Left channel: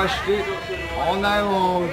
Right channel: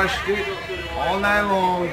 crushed it all night long.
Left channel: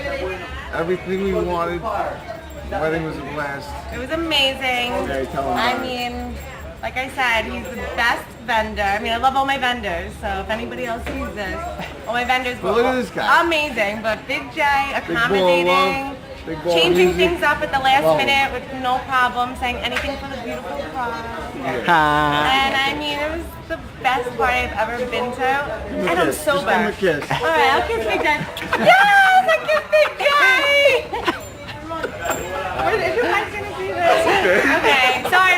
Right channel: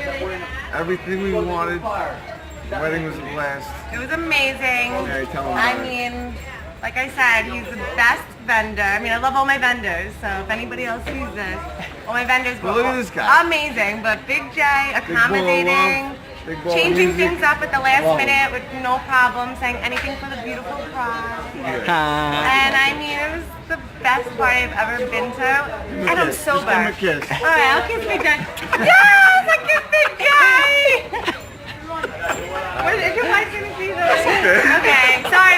Everything we wanted. The wedding was a blast. It was amazing. Okay, tell them I about it. mean, like I said, he's the best vendor. I mean, I love all my vendors, so if anybody else sees this, all my vendors But were look at this guy. amazing. But Big J, Big ball of accommodating, love. Big ball of changing music. things up at the last Love. minute with no problem, saying anything for the beautiful bride. Yeah. And I mean, it was the best party I've ever been to. him a And I'm kiss. sober. Just give him a kiss. All right, I'll kiss Big J. Yes, I kissed Big J. Is your wife gonna see this? Okay, sorry,